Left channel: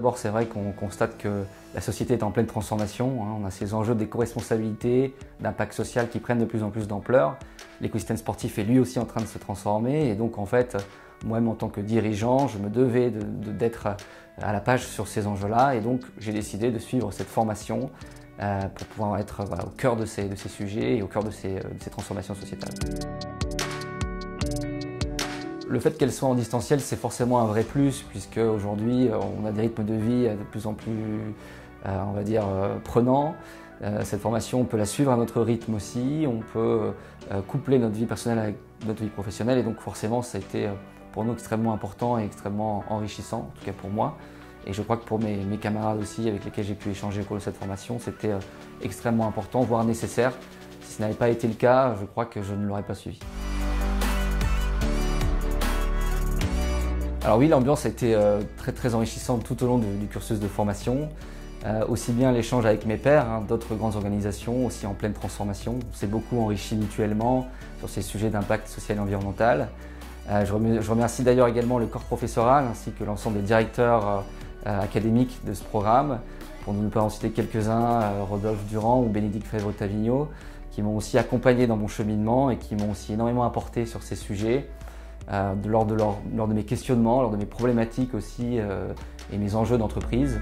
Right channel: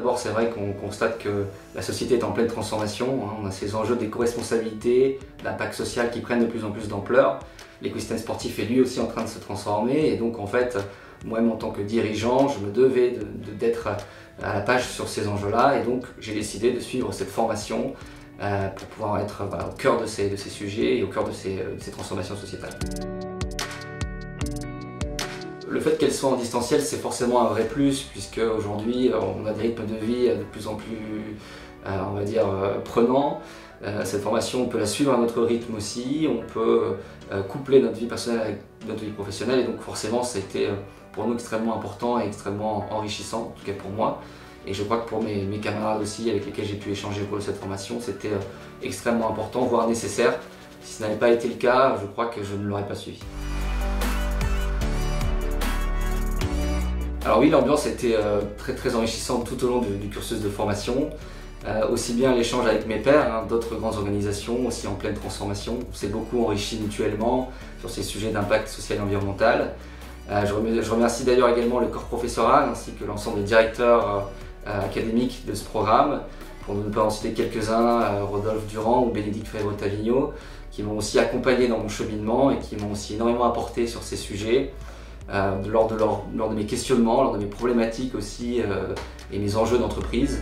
D'abord, c'est vrai qu'on constate que la société est en pleine transformation. On a ces enjeux d'éco-responsabilité, d'impact social qui prennent de plus en plus d'ampleur. L'écosystème sportif est lui aussi en train de se transformer. Et donc, en fait, moi-même en tant que dirigeant, je me devais d'être à la page sur ces enjeux-là. Et donc, j'ai décidé de suivre cette formation pour pouvoir être au cœur de ces sujets et au cœur de ces transformations sociétales. Le fait qu'elle soit en distanciel, c'est forcément un vrai plus, puisque aujourd'hui, on a des rythmes de vie de plus en plus, on va dire, prenants. Cette formation, on peut la suivre à notre rythme aussi, on peut coupler notre vie personnelle avec notre vie professionnelle, et donc forcément, c'était pour nous extrêmement important et extrêmement enrichissant, en tout cas pour moi. Et je crois que pour mes camarades aussi, avec lesquels j'ai pu échanger au cours de cette formation, c'était extrêmement important, voire nécessaire. Si ce n'avait pas été le cas, je crois que je ne l'aurais pas suivi. Alors oui, l'ambiance était très enrichissante tout au long du cursus de formation. Aussi bien l'échange avec mes pairs, d'autres grandes organisations, aussi en pleine transformation. On s'est beaucoup enrichi mutuellement sur ces sujets d'impact social et environnemental. Je remercie d'ailleurs également le corps professoral ainsi que l'ensemble des directeurs académiques de ce programme. Pour ne pas en citer quelques-uns, Rodolphe Durand ou Bénédicte Ferraud-Tavigno, qui m'ont aussi accompagné dans mon cheminement et qui m'ont aussi énormément apporté sur ces sujets. Lors de mes questionnements, lors de mes problématiques aussi et mes enjeux d'entreprise.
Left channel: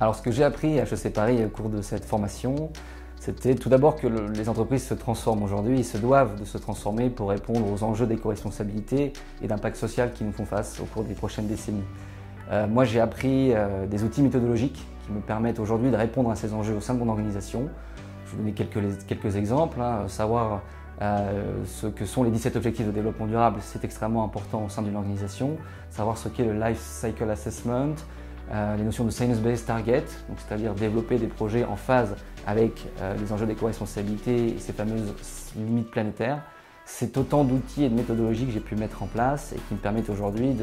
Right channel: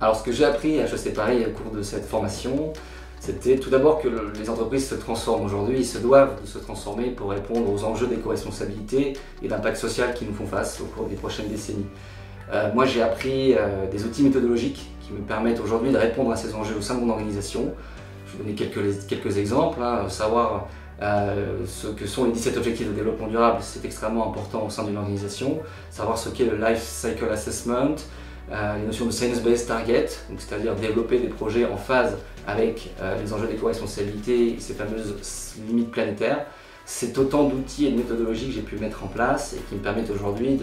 Alors ce que j'ai appris à HEC Paris au cours de cette formation, c'était tout d'abord que les entreprises se transforment aujourd'hui, ils se doivent de se transformer pour répondre aux enjeux d'éco-responsabilité et d'impact social qui nous font face au cours des prochaines décennies. Moi j'ai appris des outils méthodologiques qui me permettent aujourd'hui de répondre à ces enjeux au sein de mon organisation. Je vais donner quelques exemples, savoir ce que sont les 17 objectifs de développement durable, c'est extrêmement important au sein d'une organisation. Savoir ce qu'est le Life Cycle Assessment, les notions de Science-Based Target, c'est-à-dire développer des projets en phase avec les enjeux d'éco-responsabilité et ces fameuses limites planétaires. C'est autant d'outils et de méthodologies que j'ai pu mettre en place et qui me permettent aujourd'hui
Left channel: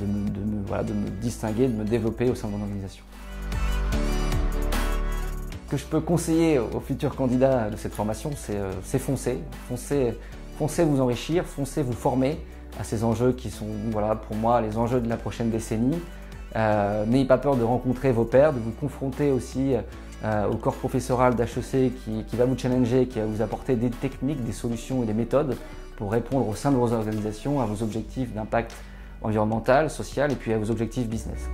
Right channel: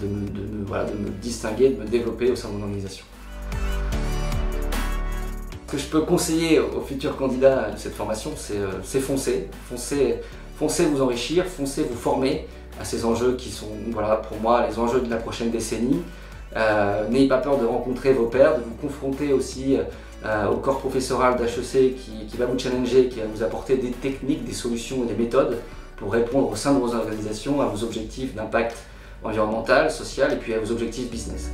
de me distinguer, de me développer au sein de mon organisation. Ce que je peux conseiller aux futurs candidats de cette formation, c'est foncer. Foncez vous enrichir, foncez vous former à ces enjeux qui sont, pour moi, les enjeux de la prochaine décennie. N'ayez pas peur de rencontrer vos pairs, de vous confronter aussi au corps professoral d'HEC qui va vous challenger, qui va vous apporter des techniques, des solutions et des méthodes pour répondre au sein de vos organisations à vos objectifs d'impact environnemental, social et puis à vos objectifs business.